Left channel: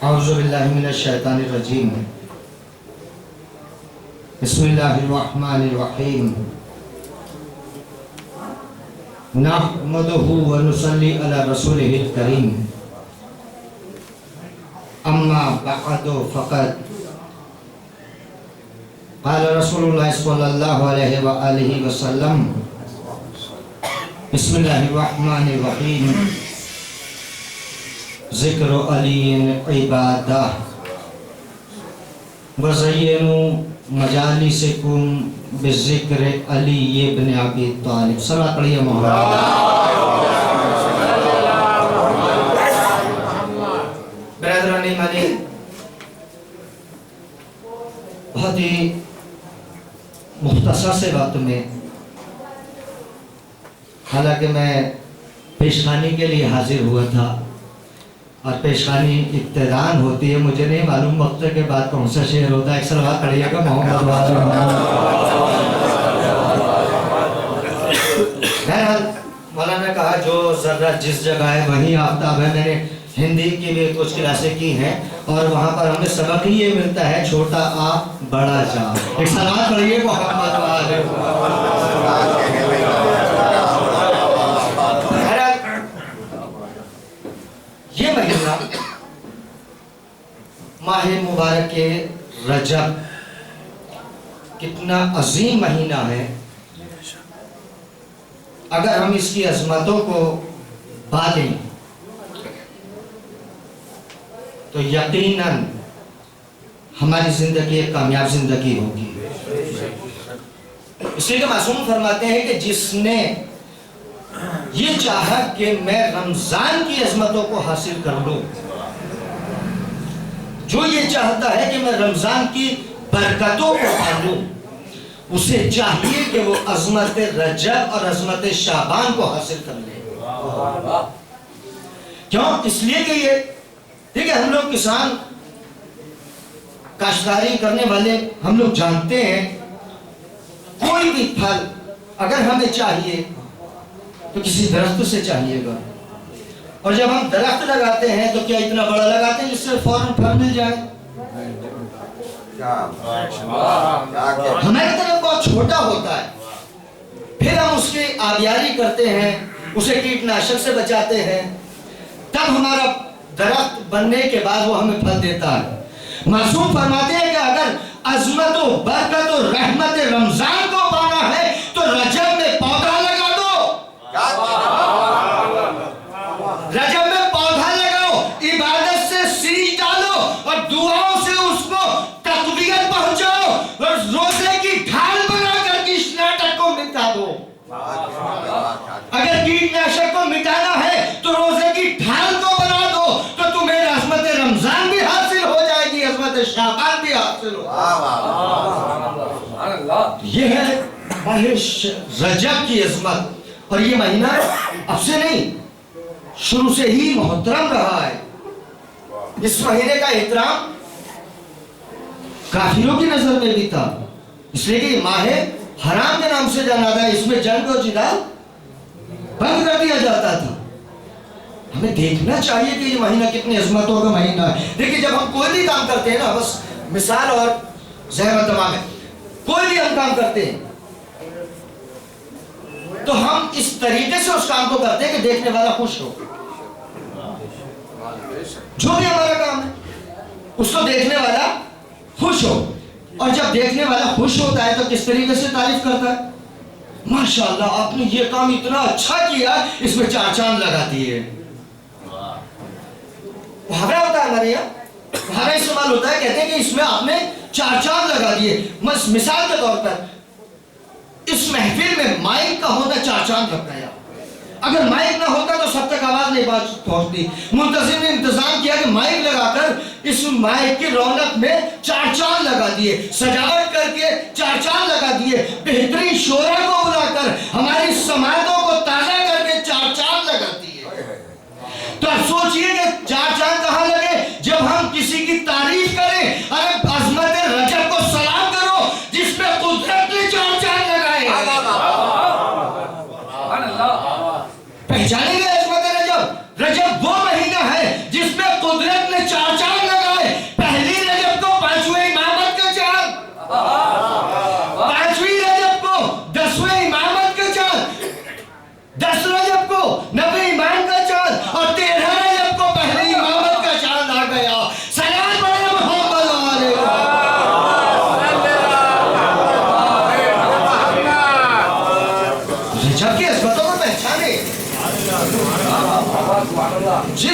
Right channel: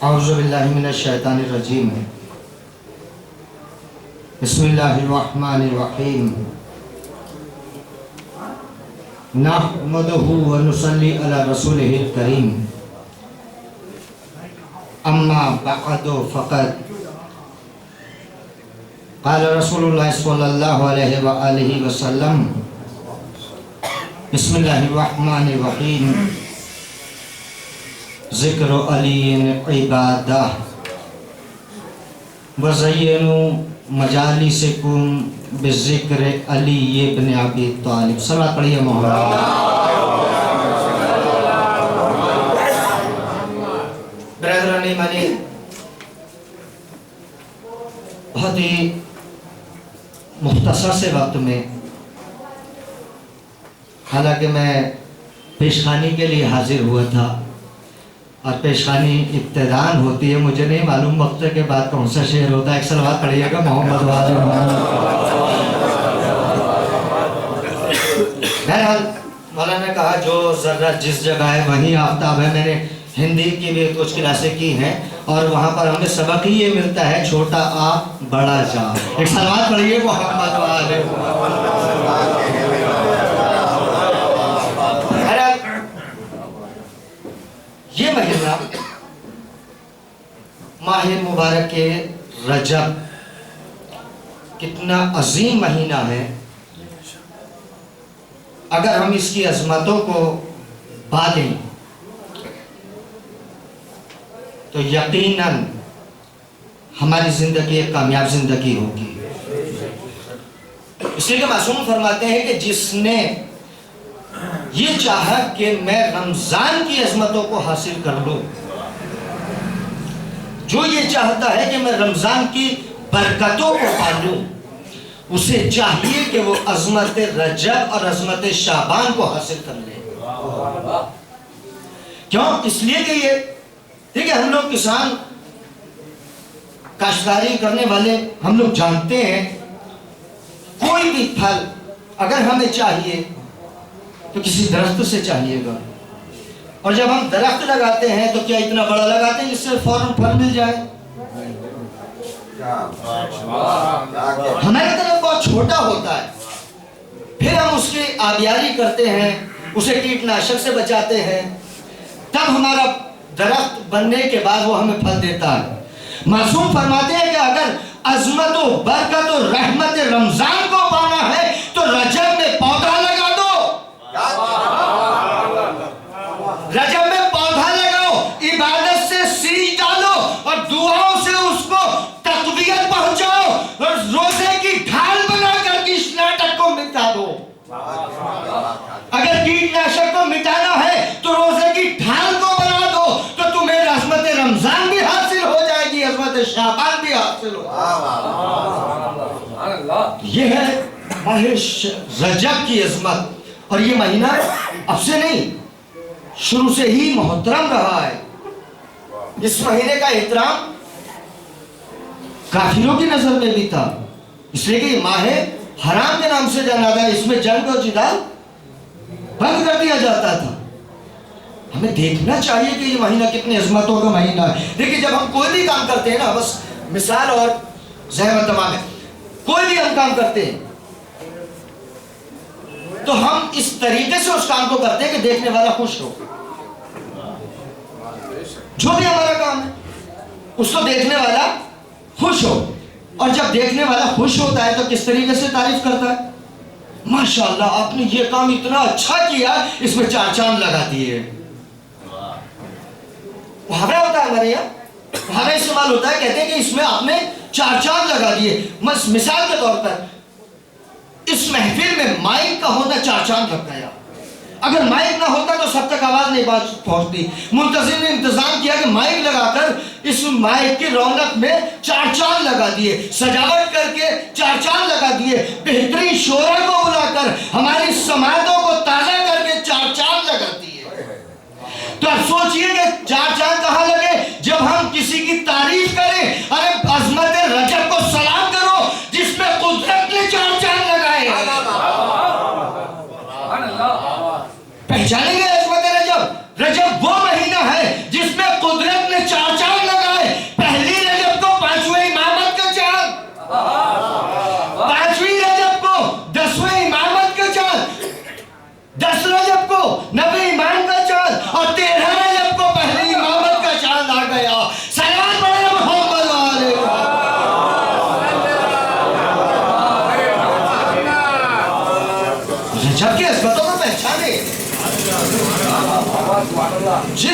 औज़ुबिल्लाहि मिनश्शैतानिर्रजीम। बिस्मिल्लाहिर्रहमानिर्रहीम। नहमदुहु व नुसल्ली अला रसूलिहिल करीम। अम्मा बअदु फ़क़द क़ाल रसूलुल्लाह सल्लल्लाहु अलैहि व आलिहि वसल्लम। बिस्मिल्लाहिर्रहमानिर्रहीम। ज़िक्र अलीन इबादह वज़य्यनु मजालिसिकुम बिज़िक्र अली इब्न अबी तालिब। सलात पढ़िए मोहम्मद। ब्रदर ने बहुत ही मुख्तसर से वक्त में, हालांकि मैं पेशखानी के लिए हाजिर हुआ था और पेशखानी इब्तिदान होती है, मुझे नहीं मालूम वक्त के बाद कौन सा शेर होता है। एक सलवात पढ़िएगा मोहम्मद वाले। बहरहाल मौलाना ने कहा जो ज़र्रा जिस जगह है वहीं आफ्ताब है। मैंने हिंदी की भी कुछ क्लासें की हैं और वहाँ पर हमें सबक ही ये मिलता है, छोटा आ बड़ा जा। एक सलवात पढ़िए मोहम्मद वाले। ये महीना माह मुबारक के रजब कितना अजीम महीना है। अगर हम इसकी अजमतों को पालें तो यकीनन हमारी जिंदगी एक कामयाब जिंदगी होगी। इसलिए कि मासूम फरमाते हैं कि जिसने ये चाहा कि मैं रमजान की अजमतों को हासिल कर लूं, जो ये चाहता है कि मैं रमजान की बरकतों को पालूं, उसे चाहिए कि वो अजमत रजब और अजमत शाबान को हासिल कर ले। क्यों? इसलिए कि ये देखिए, हम लोग किसान काश्तकारी करने वाले हम लोग जानते हैं, कोई भी फल अगर हमें चाहिए तो किसी दरख्त से चाहिएगा। और जब हम दरख्त लगाते हैं तो क्या इतना बड़ा लगाते हैं जिससे फौरन फल मिल जाए? हमारी तरफ बहुत छोटा होता है, फिर हम उसकी आबियारी करते हैं, उसे कीटनाशक से बचाते हैं, तब हमारा दरख्त बनने के बाद वो हमें फल देता है। मासूम फरमाते हैं कि अगर अजमत व बरकत व रहमत रमजान को पाना है तो रजब में पौधा लगा दो। रजब में पौधा लगाओ, इबादत से सींच डालो और दुआओं से उसको तकवीयत पहुंचाओ और रोजे की ढाल बनाकर इस नाटक को मिटा दो। अगर कीटनाशक को मिटाना है तो रोजे की ढाल को बना दो, तो तुम्हें रहमत रमजान भी हासिल हो जाएगी, रहमत शाबान भी हासिल हो। यह है माह रजब की अजमत। और ये महीना अब से नहीं, शुरू से ही मोहतरम रहा है। इस महीने का एहतराम काफिरों की नजर में भी था, इसलिए कि माह हराम के नाम से जाना था। इसमें जंग और जिदाल बंद कर दिया जाता था। हमें देखना चाहिए कि ये महीना कितनी अजमतों का महीना है। देखिए, जब हम कोई भी काम करते हैं ना, बस मिसाल और ज़हमत तमाम है, कोई भी हम काम करते हैं तो हम इस तरीके से उस काम को करते हैं कि देखने वाला खुश हो। जो भी हमारा काम है उसको देखने वाला खुश हो, और जब देखने वाला खुश होता है तो किस तरीके से तारीफ करता है, माशाअल्लाह आपने ये काम इतना अच्छा किया, इसमें 4 चांद लगा दिए। मुहावरा होता है हमारे यहाँ, मुहावरा इस्तेमाल होता है, कहते हैं कि इसमें आपने 4 चांद लगा दिए। मिसाल के तौर पर इस महफिल में माइक का होना 4 चांद लग गया। अगर माइक ना होता तो सब तक आवाज नहीं पहुंचती। मुंतजिम ने इंतजाम किया कि माइक लगाकर इस माइक की रौनक में 4 चांद लगा दिए, सजावट करके 4 चांद लगा दिए, बेहतरीन शोरा को बुलाकर हमारी समातों को ताजा करके 4 चांद लगा दिए। तो अब सोचिए कि 4 चांद कहां लगे जब हम किसी की तारीफ करें। अरे अजमत रजब को सलाम करो जिसमें कुदरत ने 4 चांद लगाए। पहचानेंगे अजमत रजब? रजब वो महीना है जिसमें कुदरत ने 4 चांद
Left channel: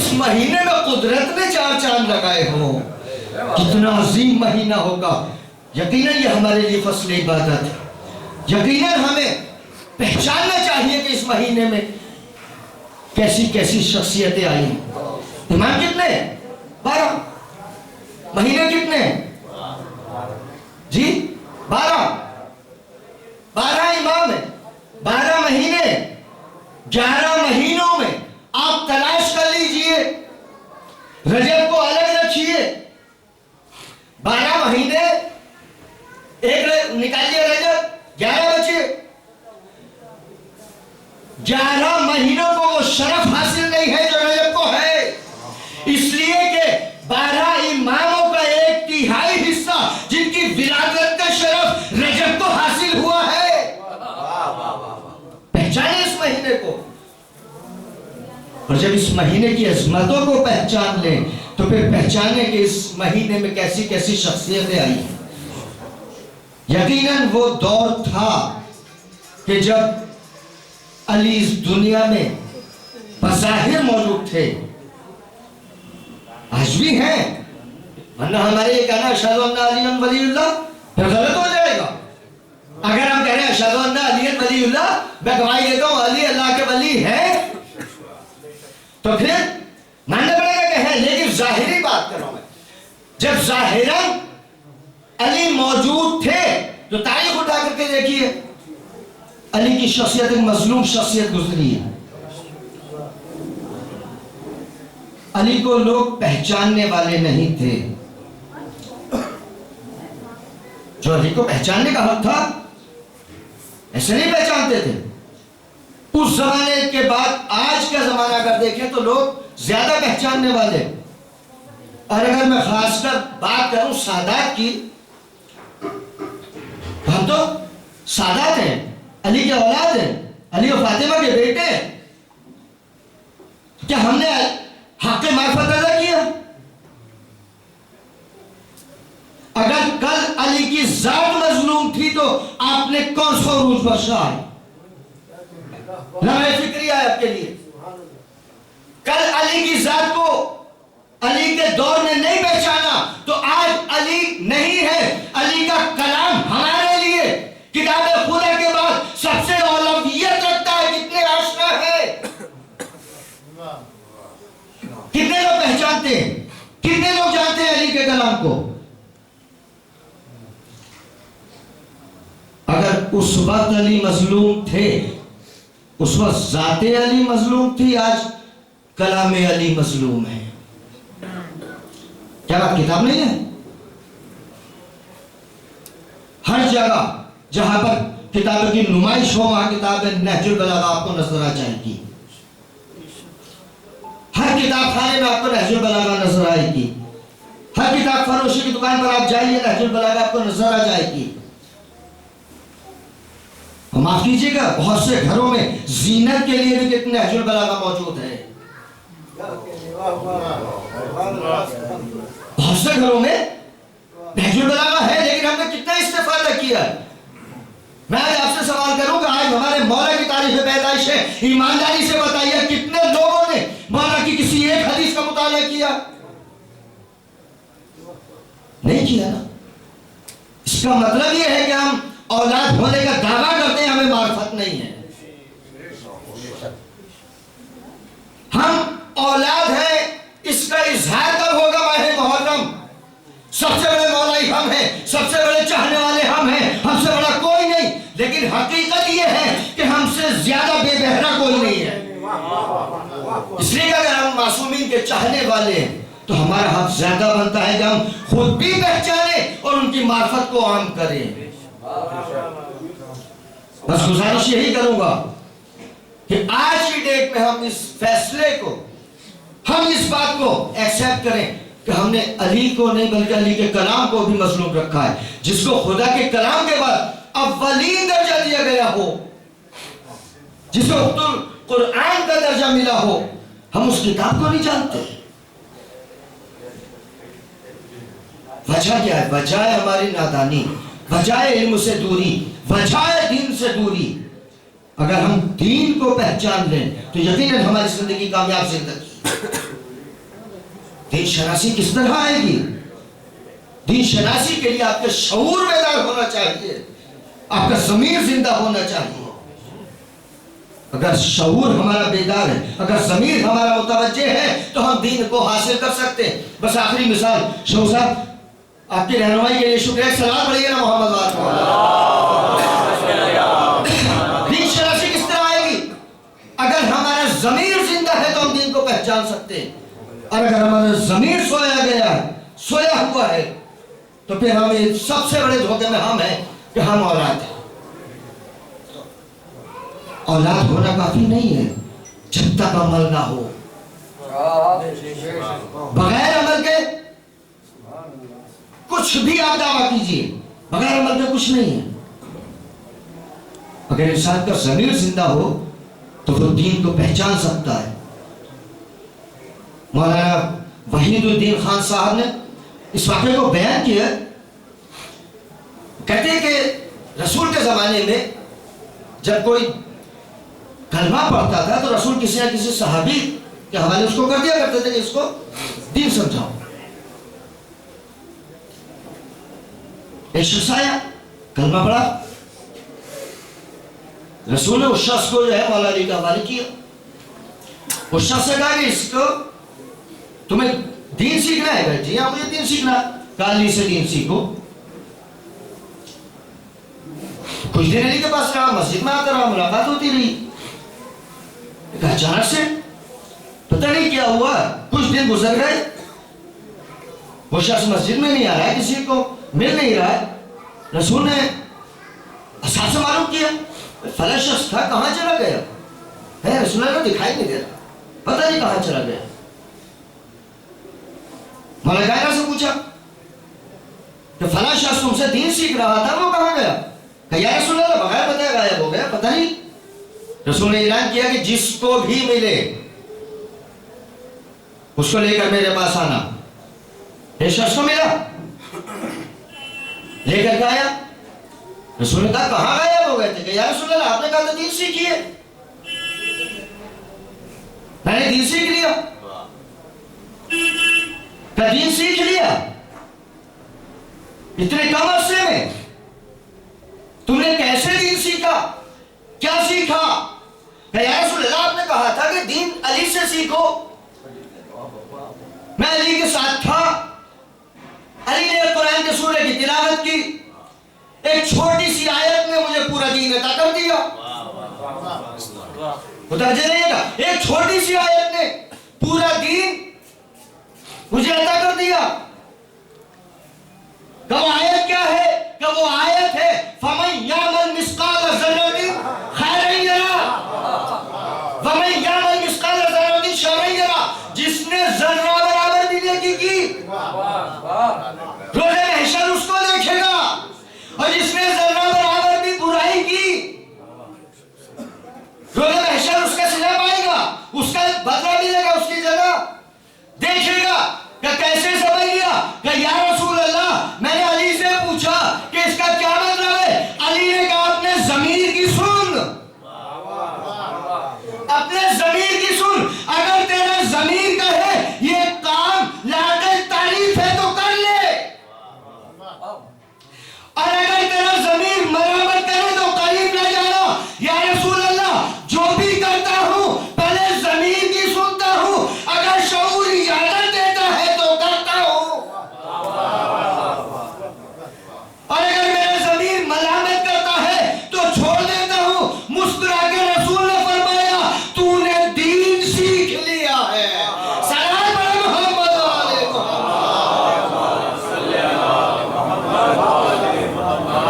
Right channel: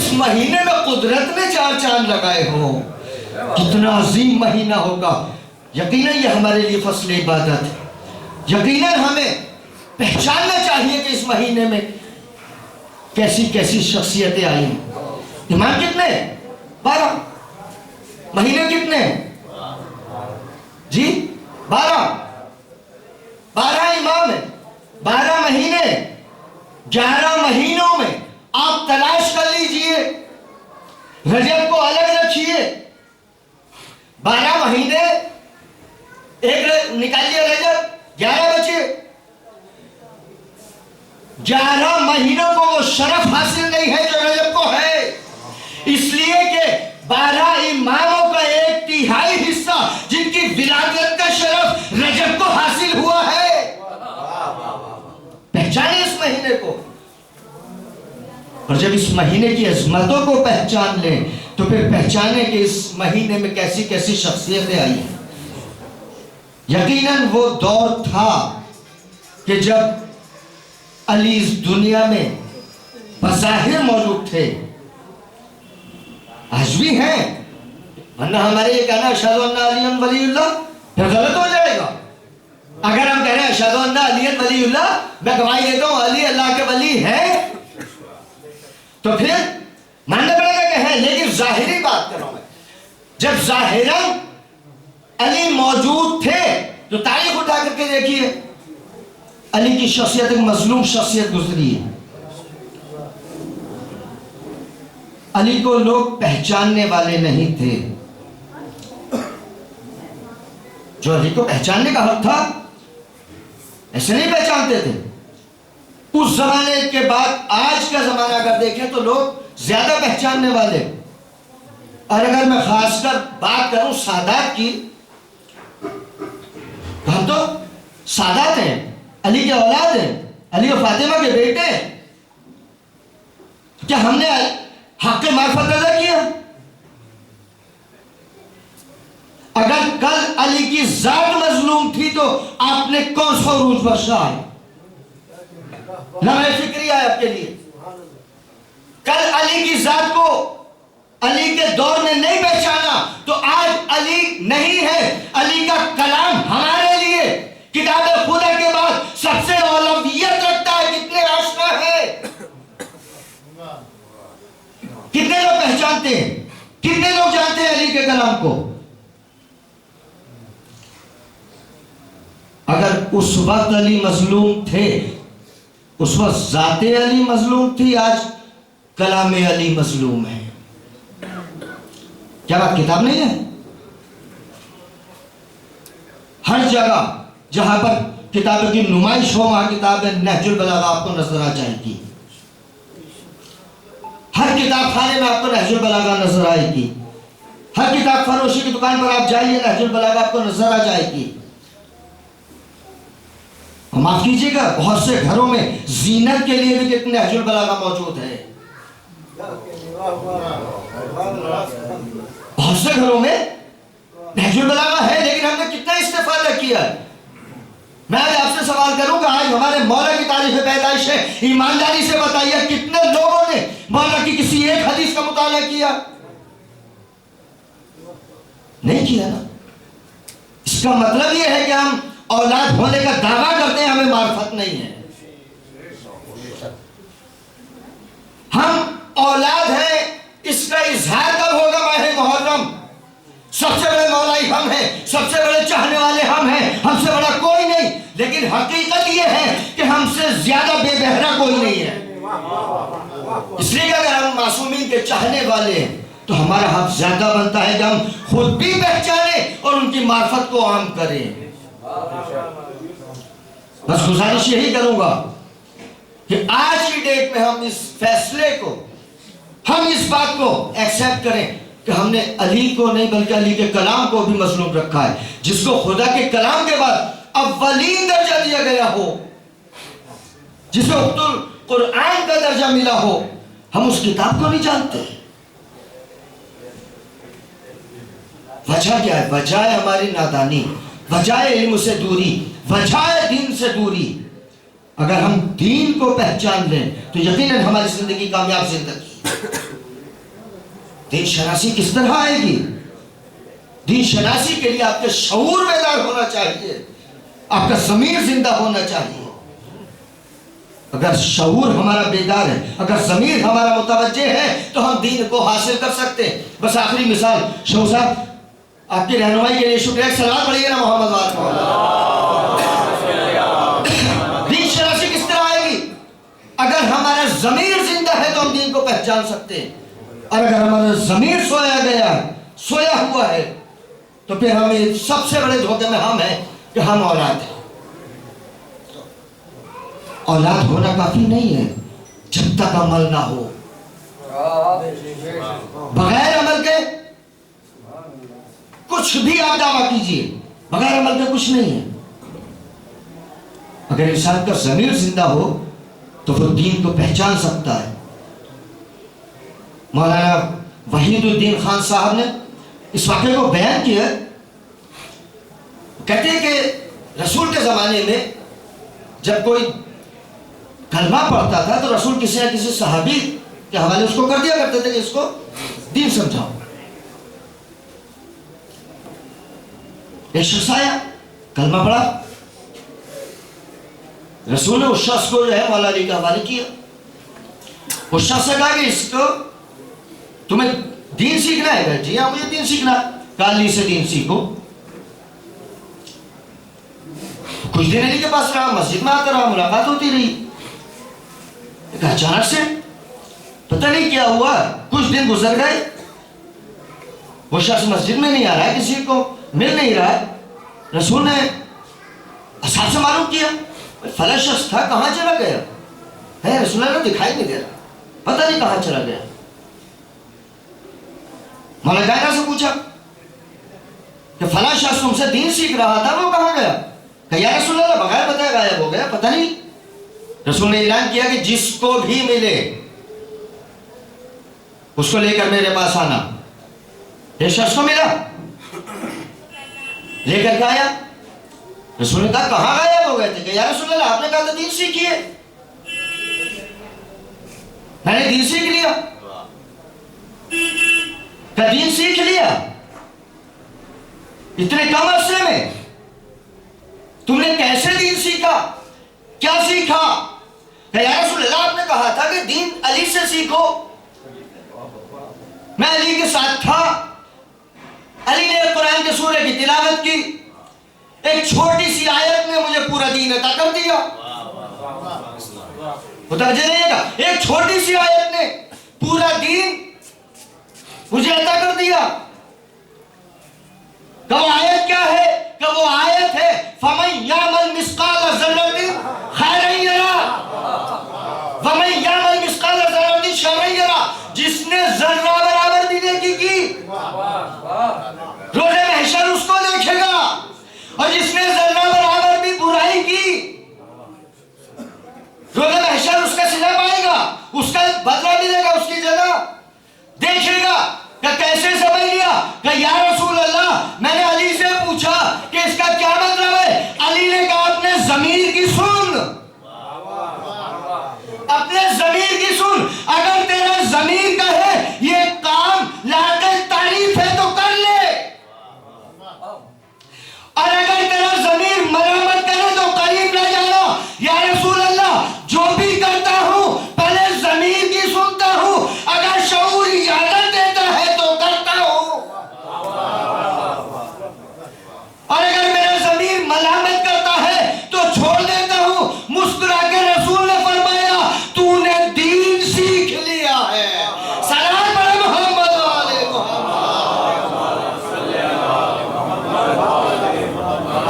इस महीने में कुदरत ने 4 चांद लगाए हो, कितना अजीम महीना होगा। यकीनन ये हमारे लिए फस्ल इबादत है। यकीनन हमें पहचानना चाहिए कि इस महीने में कैसी कैसी शख्सियतें आई हैं। इमाम कितने? 12। महीने कितने जी? 12 इमाम है, 12 महीने। 11 महीनों में आप तलाश कर लीजिए, रजब को अलग रखिए। 12 महीने एक निकालिए, रजब 11 बचे। 11 महीनों को वो शरफ हासिल नहीं है जो रजब को है, इसलिए कि 12 इमामों का 1/3 हिस्सा जिनकी विलादत का शरफ रजब को हासिल हुआ है। पहचाने इस महीने को, और जब इस महीने की अजमतों को पहचान लें तो फिर पहचाने कि इस महीने में कैसी कैसी शख्सियतें आई हैं। यकीनन वो दौर था कि जब अली इस दुनिया में बज़ाहिर मौजूद थे, आज भी हैं, वरना हमारे ये कहना अशहदु अन्ना अलिय्यन वलीयुल्लाह फिर गलत हो जाएगा। अगर हम कह रहे हैं अशहदु अन्ना अलिय्यन वलीयुल्लाह, मैं गवाही देता हूं अली अल्लाह के वली है, तो फिर मानना पड़ेगा कि है। लेकिन जाहिरी बात कर रहा हूं मैं, जब जाहिरन अली मौजूद थे तो तारीख उठा करके देखिए, अली की शख्सियत एक मजलूम शख्सियत गुजरी है। अली को लोग पहचानने वाले नहीं थे। जो अली को पहचानने का हक था, ऐसे नहीं पहचानते थे। उस जमाने के बाद आज का जमाना अगर देखें तो लोग ज्यादा पहचानने वाले। और अगर मैं खासकर बात करूं सादात की, हम तो सादात हैं, अली के औलाद हैं, अली और फातिमा के बेटे हैं। क्या हमने हक मार्फत अदा किया? अगर कल अली की जात मजलूम थी तो आपने कौन सा रूज बख्शा है? लम्हे फिक्री है आपके लिए। कल अली की जात को अली के दौर में नहीं पहचाना तो आज अली नहीं है। अली का कलाम हमारे लिए किताब खुदा के बाद सबसे औलवियत रखता है। कितने आशना है, कितने लोग पहचानते हैं, कितने लोग जानते हैं अली के कलाम को? अगर उस वक्त अली मजलूम थे, उस वक्त जाते अली मजलूम थी, आज कलाम अली मजलूम है। क्या बात किताब नहीं है? हर जगह जहां पर किताबों की नुमाइश हो वहां किताब नहजुल बलागा आपको नजर आ जाएगी। हर किताब खाने में आपको नहजुल बलागा नजर आएगी। हर किताब फरोशी की दुकान पर आप जाइए, नहजुल बलागा आपको नजर आ जाएगी। माफ कीजिएगा, बहुत से घरों में जीनत के लिए भी कितने नहजुल बलागा मौजूद है। बहुत से घरों में नहजुल बलागा है, लेकिन हमने कितना इस्तेफादा किया। मैं आज आपसे सवाल करूंगा, आज हमारे मौला की तारीख पैदाइश है, ईमानदारी से बताइए कितने लोगों ने मौला की किसी एक हदीस का मुताला किया? नहीं किया ना। इसका मतलब यह है कि हम औलाद होने का दावा करते हैं, हमें मार्फत नहीं है। हम औलाद हैं, इसका इजहार कब होगा? माह मुहर्रम। सबसे बड़े मौलाई हम हैं, सबसे बड़े चाहने वाले हम हैं, हमसे बड़ा कोई नहीं। लेकिन हकीकत यह है कि हमसे ज्यादा बेबहरा कोई नहीं है। इसलिए अगर हम मासूमीन के चाहने वाले हैं तो हमारा हक ज्यादा बनता है कि हम खुद भी पहचाने और उनकी मार्फत को आम करें। बस गुजारिश यही करूंगा कि आज की डेट में हम इस फैसले को, हम इस बात को एक्सेप्ट करें कि हमने अली को नहीं बल्कि अली के कलाम को भी मजलूम रखा है, जिसको खुदा के कलाम के बाद अव्वलीन दर्जा दिया गया हो, जिसे कुरान का दर्जा मिला हो। हम उस किताब को नहीं जानते। वजह क्या है? वजह है हमारी नादानी, वजह है इल्म से दूरी, वजह है दीन से दूरी। अगर हम दीन को पहचान लें तो यकीनन हमारी जिंदगी कामयाब जिंदगी। दीन शनासी किस तरह आएगी? दीन शनासी के लिए आपके शऊर बेदार होना चाहिए, आपका ज़मीर जिंदा होना चाहिए। अगर शऊर हमारा बेदार है, अगर ज़मीर हमारा मुतवज्जे है, तो हम दीन को हासिल कर सकते हैं। बस आखिरी मिसाल, शहू साहब आपकी रहनुमाई के लिए शुक्रिया। सलाम पढ़िए ना मोहम्मद वाले। दीन शनासी किस तरह आएगी? अगर हमारा ज़मीर जिंदा है तो हम दीन को पहचान सकते हैं, और अगर हमारा ज़मीर सोया गया है, सोया हुआ है, तो फिर हम ये सबसे बड़े धोखे में हम हैं कि हम औलाद हैं। औलाद होना काफी नहीं है जब तक अमल ना हो। बगैर अमल के कुछ भी आप दावा कीजिए, बगैर अमल के कुछ नहीं है। अगर इंसान का ज़मीर जिंदा हो तो वो दीन को पहचान सकता है। मौलाना वहीदुद्दीन खान साहब ने इस वाक़े को बयान किया। कहते हैं कि रसूल के ज़माने में जब कोई कलमा पढ़ता था तो रसूल किसी न किसी सहाबी के हवाले उसको कर दिया करते थे कि इसको दीन समझाओ। एक शख्स आया, कलमा पढ़ा, रसूल ने उस शख्स को जो है मौला अली के हवाले किया। उस शख्स से कहा कि इसको तुम्हें दीन सीखना है? जी हाँ, मुझे दीन सीखना। काली से दीन सीखो। कुछ दिन अली के पास रहा, मस्जिद में आता रहा, मुलाकात होती रही। अचानक से पता नहीं क्या हुआ, कुछ दिन गुजर गए, वो शख्स मस्जिद में नहीं आ रहा है, किसी को मिल नहीं रहा है। रसूल ने असहाब से मालूम किया, फला शख्स था, कहाँ चला गया है? रसूल ने दिखाई नहीं दे रहा, पता नहीं कहाँ चला गया। मौला कायनात से पूछा कि फला शख्स तुमसे दीन सीख रहा था, वो कहाँ गया? या रसूल अल्लाह, बगैर बताया गायब हो गया, पता नहीं। रसूल ने ऐलान किया कि जिसको भी मिले उसको लेकर मेरे पास आना। एक शख्स को मिला, लेकर के आया। रसूल ने कहा कहाँ गायब हो गए थे? या रसूल अल्लाह, आपने कहा था दीन सीखिए। मैंने दीन सीख लिया। क्या दीन सीख लिया इतने कम अरसे में? तुमने कैसे दीन सीखा? क्या सीखा? या रसूल अल्लाह, आपने कहा था कि दीन अली से सीखो। मैं अली के साथ था, अली ने कुरान के सूरे की तिलावत की, एक छोटी सी आयत ने मुझे पूरा दीन अता कर दिया। मुतवज्जे रहिएगा, एक छोटी सी आयत ने पूरा दीन मुझे अता कर दिया। कब आयत क्या है? कि वो आयत है फमन यामल मिस्काल ज़र्रतिन खैरन यरा वमन यामल मिस्काल ज़र्रतिन शर्रन यरा। जिसने जर्रा बराबर भी नेकी की रोज़े महशर उसको देखेगा, और जिसने जर्रा बराबर भी बुराई की रोज़े महशर उसका सिला पाएगा, उसका बदला मिलेगा, उसकी जगह देखेगा। क्या कैसे समझ लिया? कि या रसूल अल्लाह, मैंने अली से पूछा कि इसका क्या मतलब है? अली ने कहा अपने ज़मीर की सुन, अपने ज़मीर की सुन। अगर तेरा ज़मीर का है ये काम लायक तारीफ है तो कर ले, और अगर तेरा ज़मीर मरम्मत करे तो करीब न जाना। या रसूल अल्लाह, जो भी करता हूं पहले ज़मीर की सुनता हूं, अगर शऊर इजाजत देता है तो करता हूं, और अगर मेरा ज़मीर मलामत करता है तो छोड़ देता हूं। मुस्कुरा के रसूल ने फरमाया तूने दीन सीख लिया है। सलाम पढ़ो मोहम्मद वाले मोहम्मद।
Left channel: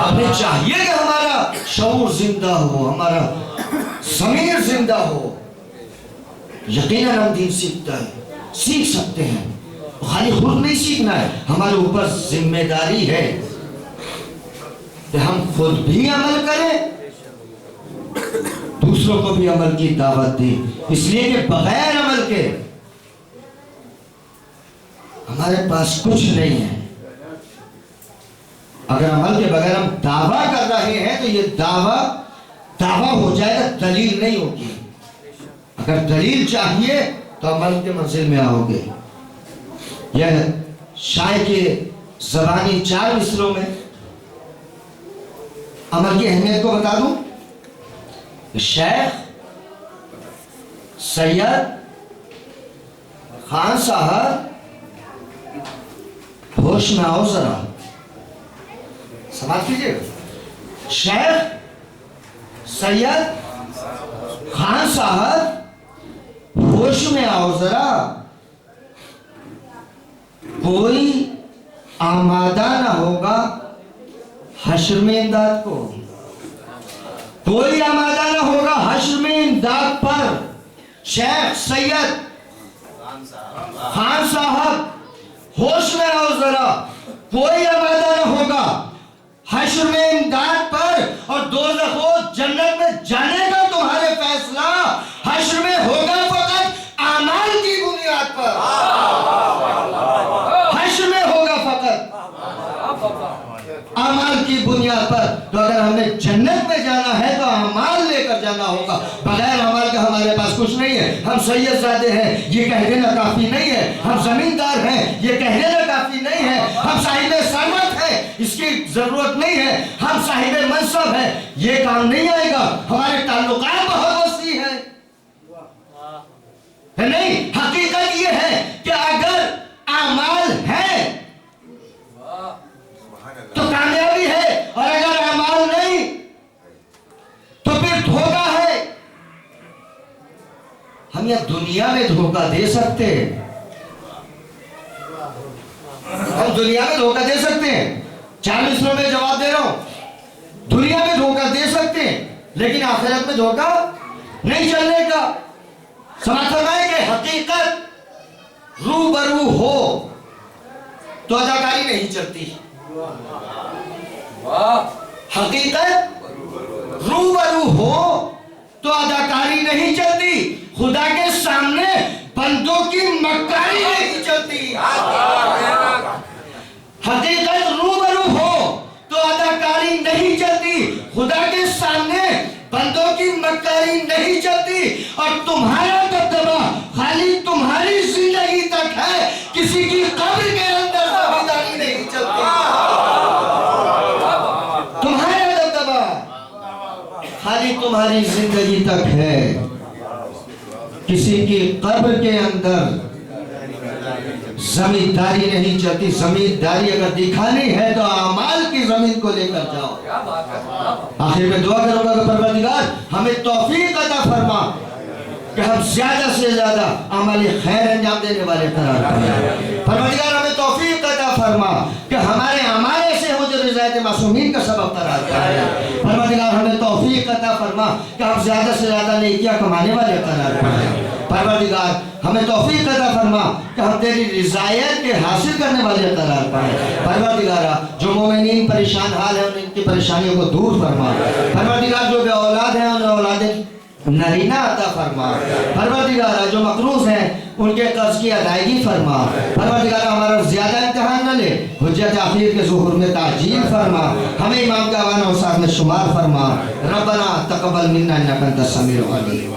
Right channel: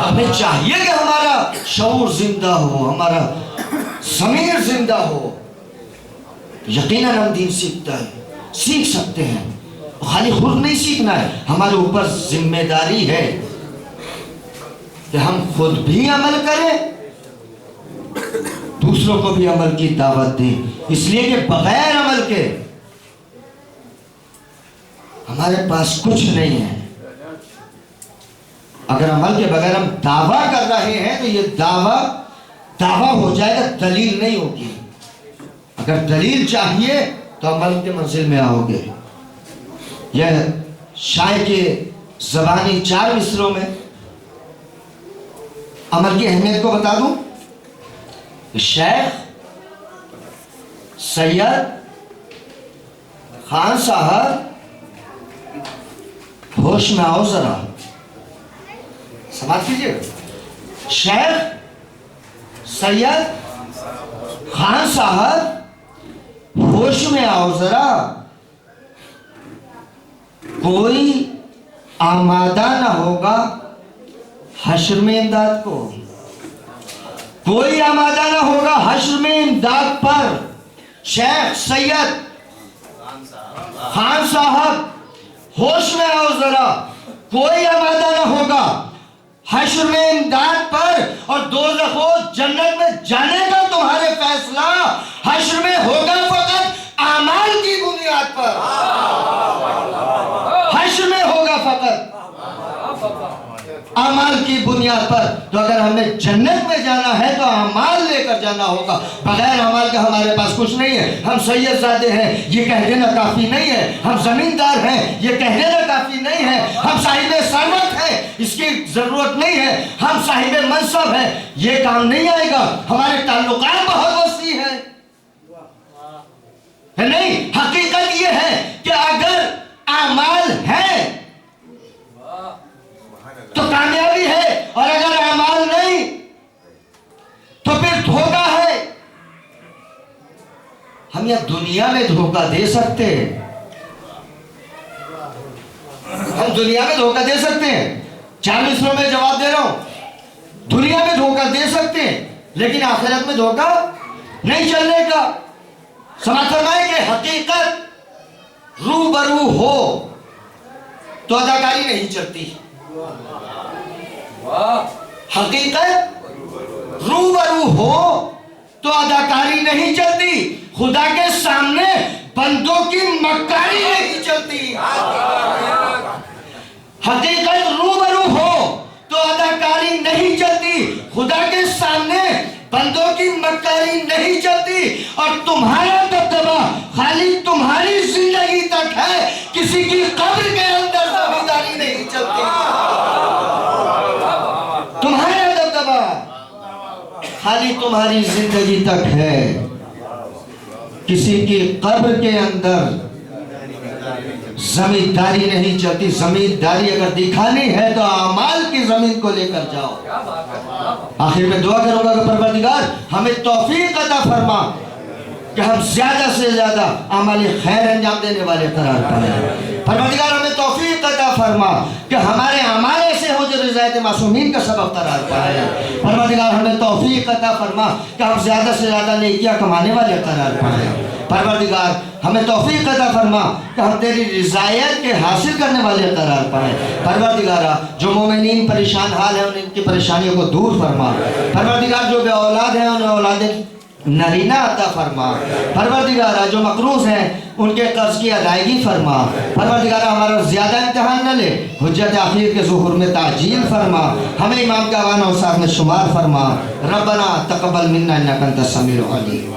हमें चाहिए कि हमारा शऊर जिंदा हो, हमारा ज़मीर जिंदा हो। यकीनन हम दीन सीख सकते हैं। खाली खुद नहीं सीखना है, हमारे ऊपर जिम्मेदारी है कि हम खुद भी अमल करें, दूसरों को भी अमल की दावत दें। इसलिए कि बगैर अमल के हमारे पास कुछ नहीं है। अगर अमल के बगैर हम दावा कर रहे हैं तो ये दावा हो जाएगा, दलील नहीं होगी। अगर दलील चाहिए तो अमल के मंजिल में आओगे। यह शायर के ज़बानी 4 मिसरों में अमल की अहमियत को बता दूं। शेख सैयद खान साहब, होश में आओ जरा, समाप्त कीजिए। शेख सैयद खान साहब, होश में आओ जरा, कोई आमादा ना होगा हश्र में इमदाद को, कोई आमादा ना होगा हश्र में इमदाद पर। शेख सैयद खान साहब, होश में आओ जरा, कोई आमादा ना होगा हश्र में इमदाद पर, और दोज़खो जन्नत में जाने का तुम्हारे फैसला हश्र में होगा फकत आमाल की बुनियाद पर, हश्र में होगा फकत अमाल की बुनियाद पर। तो अगर हमें जन्नत में जाना है तो अमाल लेकर जाना होगा, बगैर अमाल का हमारे पास कुछ नहीं है। हम सैयदजादे हैं ये कह देना काफी नहीं है, हम जमींदार हैं ये कह देना काफी नहीं है, हम साहिब सरमत हैं इसकी जरूरत नहीं है, हम साहिब मनसब हैं ये काम नहीं आएगा, हमारे ताल्लुकात बहुत वसी है नहीं। हकीकत ये है कि अगर अमाल है तो कामयाबी है, और अगर अमाल नहीं तो फिर धोखा है। हम यह दुनिया में धोखा दे सकते हैं, हम दुनिया में धोखा दे सकते हैं, 4 मिसरों में जवाब दे रहा हूं। दुनिया में धोखा दे सकते हैं लेकिन आखिरत में धोखा नहीं चलने का। समाज फरमाए कि हकीकत रूबरू हो तो अदाकारी नहीं चलती, हकीकत रूबरू हो तो अदाकारी नहीं चलती, खुदा के सामने बंदों की मक्कारी नहीं चलती। हकीकत रूबरू हो तो अदाकारी नहीं चलती, खुदा के सामने बंदों की मक्कारी नहीं चलती, और तुम्हारा दबदबा खाली तुम्हारी जिंदगी तक है, किसी की कब्र के अंदर दावेदारी नहीं चलती। तुम्हारा दबदबा खाली तुम्हारी जिंदगी तक है, किसी की कब्र के अंदर जमींदारी नहीं चलती। जमींदारी अगर दिखानी है तो अमाल की जमीन को लेकर जाओ। आखिर में दुआ करूंगा कि परवरदिगार हमें तौफीक अता फरमा कि हम ज्यादा से ज्यादा अमल खैर अंजाम देने वाले करार पाएं। परवरदिगार हमें तौफीक अता फरमा कि हमारे अमाल ऐसे हो जो रिज़ायत मासूमीन का सबब करार पाए। परवरदिगार हमें तौफीक अता फरमा कि हम ज्यादा से ज्यादा नेकियां कमाने वाले करार पाएं। परवरदिगार हमें तौफीक अता फरमा कि हम तेरी रिज़ायत के हासिल करने वाले करार पाएं। परवरदिगारा जो मोमिनीन परेशान हाल है उनकी परेशानियों को दूर फरमा। परवरदिगार जो बे औलाद है उन्हें औलाद नरीना अता फरमा। परवरदिगारा जो मकरूज हैं उनके कर्ज की अदायगी फरमा। परवरदिगारा हमारा ज्यादा इम्तिहान न ले, हुज्जत आखिर के ज़ुहूर में ताजील फरमा। हमें इमाम का आवान और साथ में शुमार फरमा। रब्बना तक़ब्बल मिन्ना इन्नका अंतस समीउल अलीम।